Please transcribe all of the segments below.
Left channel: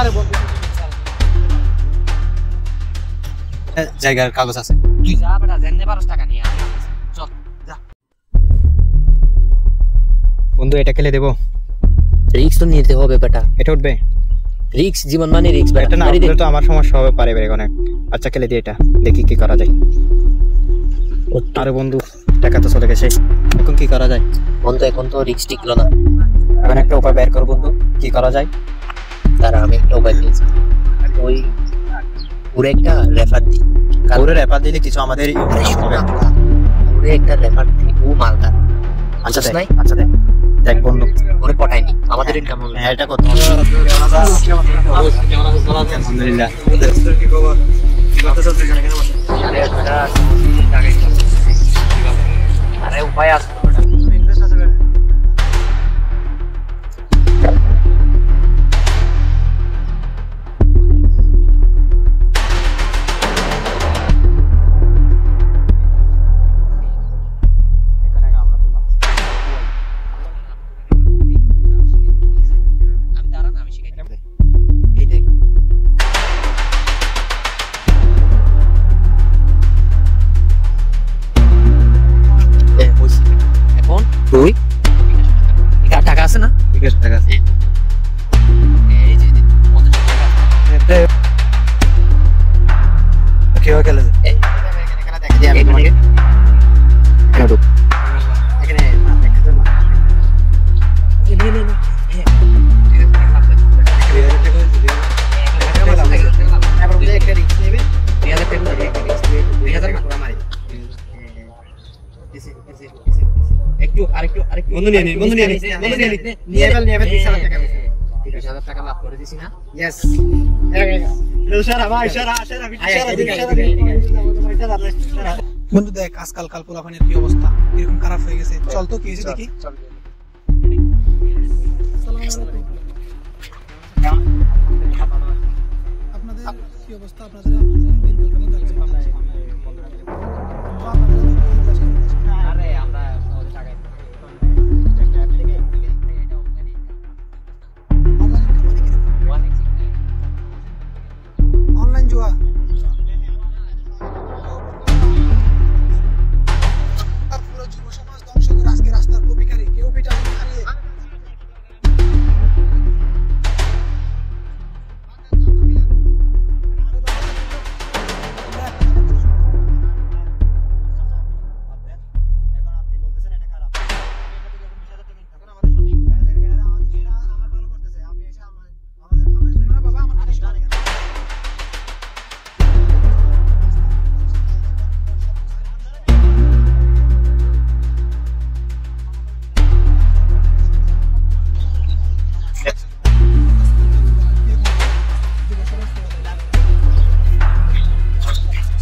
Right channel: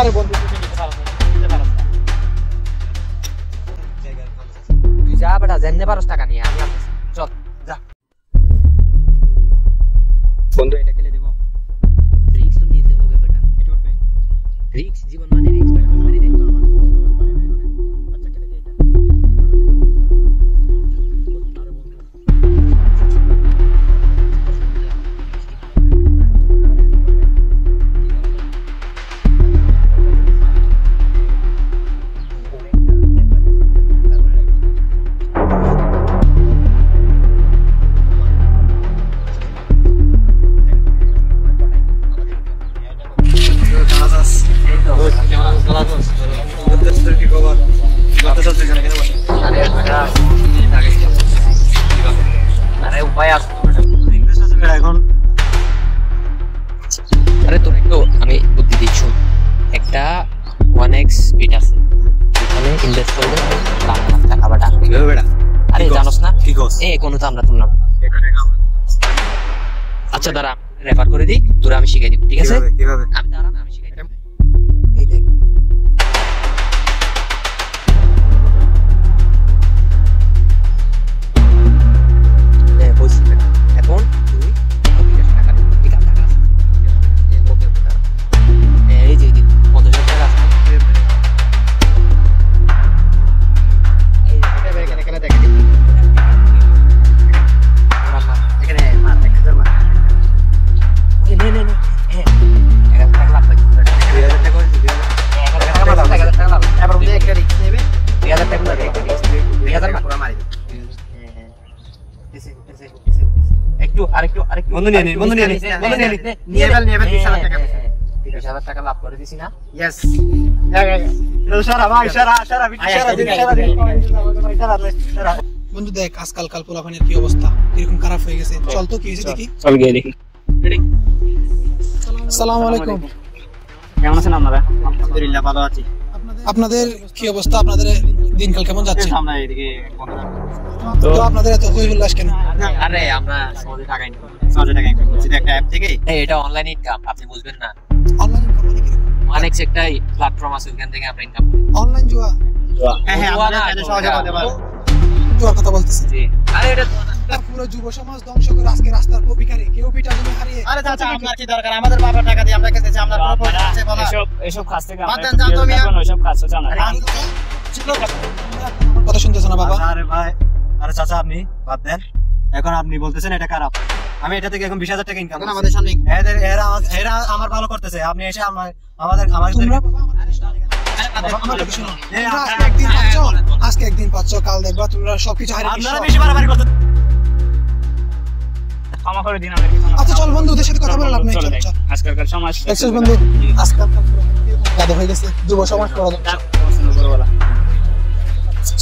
আরে বন্ধু জায়গার কাগজ আছে, তুই যা বেটা, জেনে 12 টাকা নিয়ে আমি চল যা। বন্ধু এটা খেলে দেবো? রিক্স তো নিতে হবে বেটা, এটা উঠবে? রিক্স জীবন মানে রিক্স বেটা। এটা না উঠলে তো আমার সমস্যা হবে পারে বেরে অনেক। আচ্ছা খেলে দিই এটা, দেখি কি করা যায়। আরে বন্ধু টাকা তো চলে গেছে, এখন কি করা যায়? বন্ধু এখন তো রিক্স টিকলো না, এখন একটা উপায় বের কর বন্ধু, কি করা যায়? তারা আমি একটা উপায় পেয়েছি, ওই পুরো একটা রেফার দিই। পুরো রেফার দিলে কিছু আমাদের পুরো একটা রেফার দিই, ও মালদার। আচ্ছা দেখ, আচ্ছা দেখ দেখ বন্ধু, ওরে পটাইনি, আমাদের ইনকাম হবে। হ্যাঁ এটা করতে হবে। আলহামদুলিল্লাহ। আরে উপায় আছে এখন আরে তোর একটু আমি বুদ্ধি দিচ্ছি, একটা 1x বিট আছে, এখানে ইনভেস্ট করবে টাকা বাটা। কিভাবে বেটা? আরে জানোস না কি কস? এই কোনো তো আমরা তুললাম। এখানে আমরা আচ্ছা দাঁড়া, রেফার করে দিই, তোরা আমি শিখাই দিব, ঠিক আছে? কিভাবে? আমি দাঁড়া না, আমি শিখাই দিব। এই দেখ এখন তুই টাকা আছে না? ঠিক আছে টাকা আছে। এই যে 50 টাকা আছে। কিভাবে খেলে? এই এখানে দেখ যে আমি তোমাকে এখানে এখানে মার 1000 মার। নে হ্যাঁ একটু আরেকটু বন্ধু নিয়ে নে, বন্ধু নিয়ে নে, নিয়ে এবার 20,000 টাকা। 20,000 টাকা লাভ করে দিছি না? ইয়েস। ইশারা ভাই, ইশারা বন্ধু দেখ আজকাল কাল পোলাপানের কি অবস্থা, এরকম খারাপ হয়ে গেছে। চল তো কি হয়েছে দেখি। চল গিয়ে দেখি। আসসালামু আলাইকুম। কেমন আছেন আপনারা? আলহামদুলিল্লাহ ভালো আছি। আপনাদের কি অবস্থা, আপনাদের দিনকাল কেমন যাচ্ছে? আমরা এদিকে তো আপনাদের এত কই উল্লাস কেন? আরে আমরা সহজে টাকা ইনকাম, 100 টাকা ইনকাম করছি একটা অ্যাপ থেকে। এটা অনলাইন ইনকাম, আপনি বুঝবেন না। অনলাইন কোম্পানি কি? অনেক একটাই প্ল্যাটফর্ম আছে, ওখান থেকে আমরা ইনকাম করি। অনলাইন জুয়া? হ্যাঁ হ্যাঁ জুয়া আমরা না, চাইলে সহজে বলতে পারবো। জুয়ার কথা বলতেছি। জি। আরে এটা আর পুরো যুব সমাজ ধ্বংস করে আজকে রাস্তার ভিখারি, কেউ পিটা জমি হারিয়ে। আরে চাচা আপনার কি দরকার? আমাদের বাবার টাকা দিয়ে আমরা কেটেছি, আমরা প্রপোজ করতে বলা। এসব কাজ থেকে বাদ দেন, যান তো মিয়া। ওইসব কাজ হচ্ছে না। কথা শুনতেছ না বাবা? আরে ভাই, আরে চাচা আপনি বাদ দেন। এখন আপনি বলতেছেন এটা খারাপ, আমি এটা থেকে এখন 20,000 টাকা ইনকাম করছি। আমাদের সামনে এরা আমার ভালো করতেছে, আপনি এসে আমাদের তোমরা বাবা আমার কথা শোনো। আজকে একদিন পাচ্ছ, কাল দেখবা তোমরা সবকিছু হারিয়ে আপনারা বেশি বাড়াবাড়ি করতে। ক্ষমা করে দিন আমাকে। আচ্ছা চল বন্ধু, ওদের সাথে কথা বলে লাভ নেই। চলো চল দেখ, চল। আজকালকার সমাজ দেখছিস বন্ধু, আজকাল গাধা হয়ে গেছে, যুব সমাজ পড়া যা,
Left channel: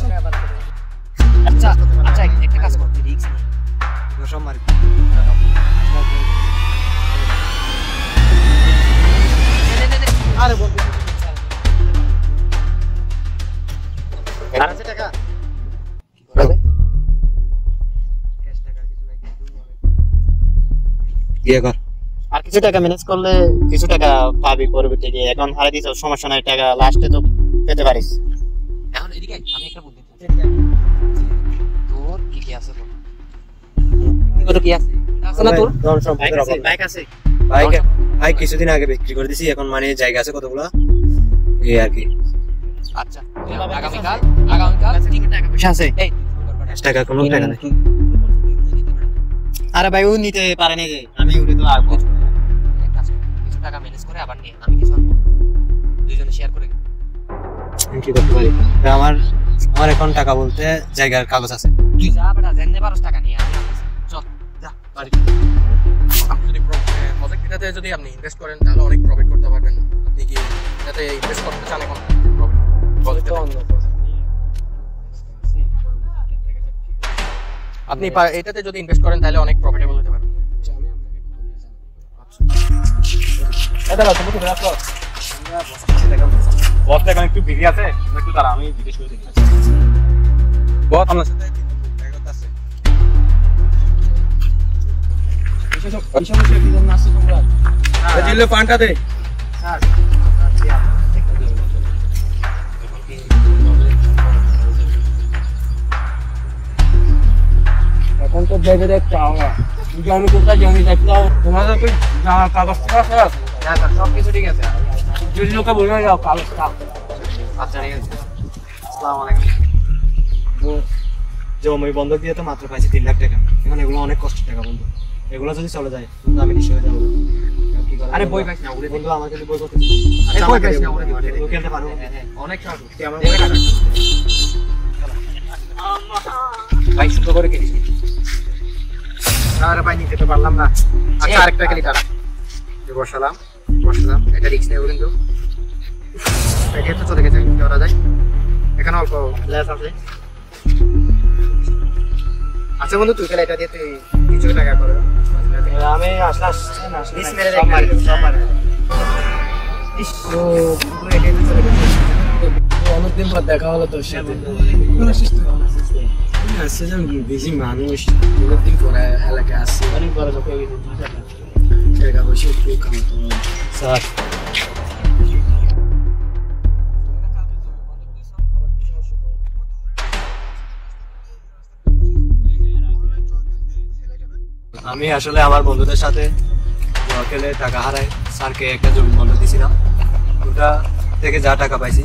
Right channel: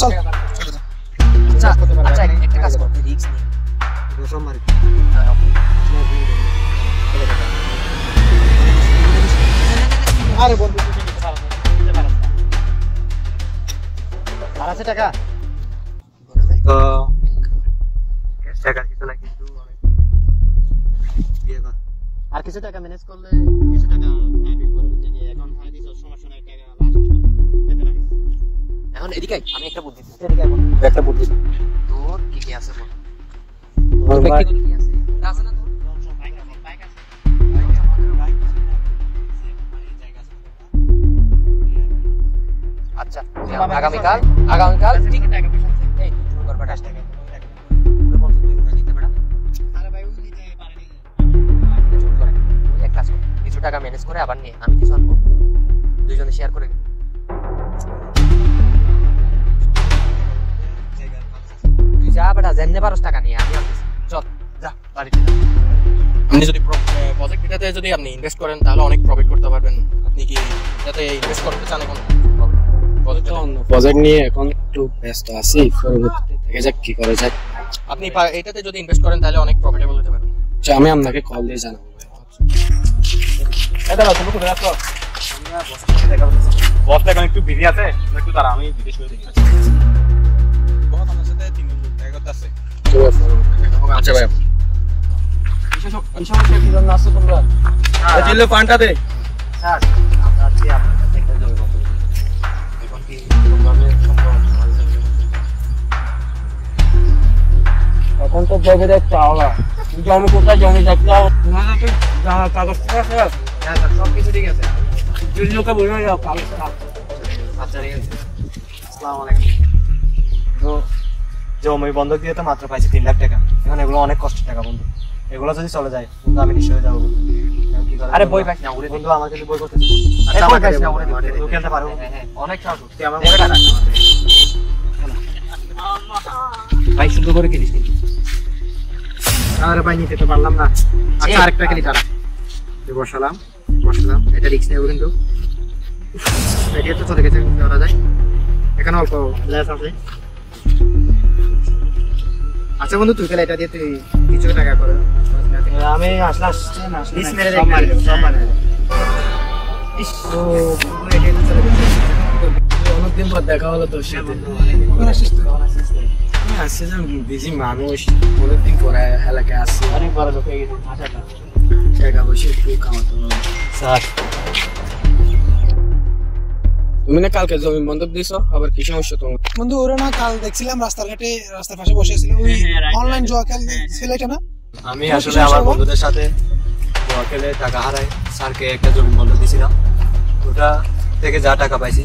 চল। আচ্ছা একটা কাজ করতে রিস্ক নেই। আরে বন্ধু আর আছে টাকা? আর কিছু টাকা ম্যানেজ করলে কিছু টাকা পাবি পরবর্তী গিয়ে। এখন হারে দিছ সমস্যা নাই, টাকা লাস্টে তো পেতে পারিস। এখন এদিকে আয়, আমি একটা বুদ্ধি দিচ্ছি। একটা বুদ্ধি তোর কি আছে বল? তোর ব্যক্তিগত কি আছে? আছে না তোর? বাইক আছে ভাই, কিছুদিন আগে বিক্রি করে দিছি, এখন মানে জায়গা আছে কতগুলো এই আর কি। আচ্ছা আগামীকাল টাকা পয়সা আছে? এই 5 টাকা কোনো টাকা নেই। আরে ভাই ও নিতে পারে না, যে আমি উড়ে তো আসবো। এক কাজ কর, কিছু টাকা ম্যানেজ করে আবার নে, আমি কিছু আনবো, দুইজনে শেয়ার করে। আমি কি করতে পারি? আমার এখন টাকা বলতে জায়গার কাগজ আছে। তুই যা বেটা, জেনে 12 টাকা নিয়ে আমি আনতেছি। চল যা বাড়িতে। আপনি যদি প্রজেক্টটাতে যদি আপনি ইনভেস্ট করেন তাহলে অনেক প্রফিট করতে পারবেন। আপনি কি এটাতে ইনভেস্ট করতে চান? এখন প্রজেক্ট নিয়ে এখন একটু ব্যস্ত আছি, পরবর্তীতে দেখা যাক কি করা যায়। আপনি এটাতে যদি ইনভেস্ট করেন তাহলে অনেক প্রফিটেবল হতে পারবেন। আচ্ছা আমি আপনাকে কল দিয়ে জানাবো। বস দেখেন একটু বিজি আছে, একটু দাঁড়া, আমি জিজ্ঞেস করে দেখি। বস আপনার সাথে 3 মিনিট দেখা করতে আছে। আচ্ছা ভাই, এই সমস্যা কি জন্য আসছে তোমরা? দিলে কোয়ান্টা দে। আমরা আছি এখন তো ভেবে দেখতে হবে কিন্তু আমি কোথায় জমি দেখলাম তোমাদেরকে কাগজ টাকা খারাপ সব কিছু ঠিক আছে যদি লোকে বলে যাও কাল আচ্ছা ঠিক আছে আসসালামু আলাইকুম জমি বন্ধক দিয়ে তো মাত্র পাইছি 3 লাখ টাকা এখন এগুলো অনেক কষ্টের টাকা বন্ধু এগুলো যদি চলে যায় কিন্তু আমি নিশ্চয়ই যাবো আরে বই পাইছ না ওরে বন্ধু আমাকে বই করতে আরে বই পাইছ না ওরে খেলতে পারবো অনেক টাকা তুই আমার বইটা রাখ ভাই শুধু করে কিনিস আরে ভাই নিতে তো পারলাম না আচ্ছা আরেকটা কিনি তারা বসলাম এটা রিস্ক নেব কিন্তু এটা তো চলে গেছে ধরা যায় এখানে অল্প লেস আছে আচ্ছা বন্ধু তুই তাহলে এটা দিয়ে তুই কিছু টাকা করো আমি আসলাম ইস মেরে দেখ তো অনেকদিন পর দেখা হলো তোর সাথে আসছে যে বেশি মানুষ অনেকদিন পরে এলাকায় আসছে অনেক বড় লোক হয়ে গেছে টাকা পয়সা খুব কামাতো স্যার তুমি না কালকে জমি বন্ধক দিছো আবার কি সমস্যা তোমার বন্ধু ওরা না কাল দেখছিলাম রাস্তার পাশে বসে ছিল ওই অনলাইন জুয়া ছেলেটা না আমি আসলে আমার বন্ধুদের সাথে জুয়া খেলে টাকা হারাই স্যারকে একটা জমি বন্ধক দিয়েছিলাম ওটা থেকে যা টাকা পাইছি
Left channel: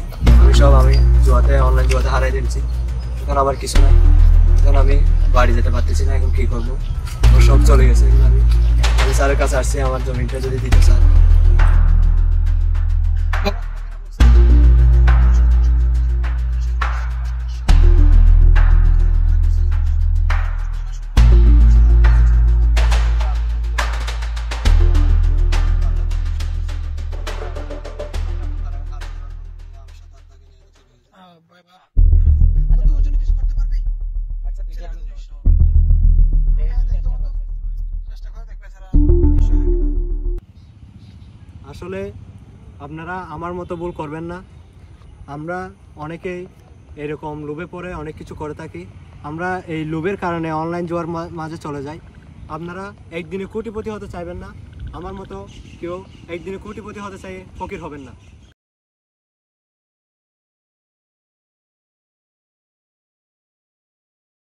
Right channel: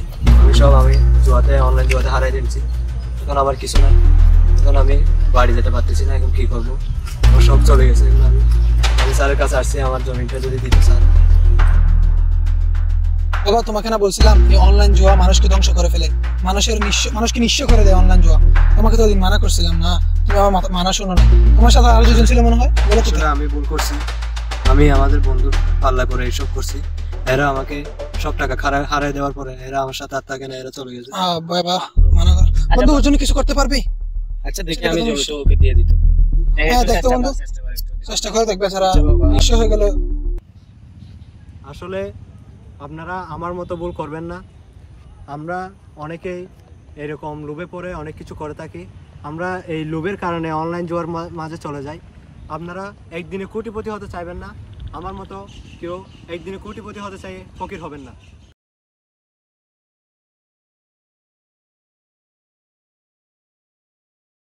সব আমি অনলাইন জুয়াতে হারাই দিয়েছি এখন আমার কিছু নাই এখন আমি বাড়ি যেতে পারতেছি না এখন কি করবো সব চলে গেছে এখন আমি স্যারের কাছে আসছি আমার জমিটা যদি দিতে স্যার দেখো তোমাকে না বলছিলাম এই অনলাইন জুয়া মানুষকে ধ্বংস করে ফেলে মানুষকে নিঃস্ব করে দেয় অনলাইন জুয়া তোমাকে তো ওদিন মানা করছিলাম না তুমি আমার মানা শোনো না তোমার সাথে আরো দুজন ছিল মনে হয় বলো তো আসলে আমি ভুল করছি আমি আমাদের বন্ধু পাল্লা করে এইসব করছি এরা আমাকে সব টাকা হারাই দেওয়ার পরে এরা আমার সাথে আর থাকে না এরা চলে গেছে বাবা মানা কর বন্ধু ওর জন্য কিছু করতে পারবি আচ্ছা দেখি আমি জমিটা ওকে দিয়ে দিতে হ্যাঁ দেখতো বন্ধু চেষ্টা করে দেখবে সারা নিঃস্ব হয়ে গেল আসলে আপনারা আমার মতো ভুল করবেন না আমরা অনেকেই এরকম লোভে পড়ে অনেক কিছু করে থাকি আমরা এই লোভের কারণে অনলাইন জুয়ার মাঝে চলে যাই আপনারা একদিনে কোটিপতি হতে চাইবেন না আমার মতো কেউ একদিনে কোটিপতি হতে চাই ফকির হবেন না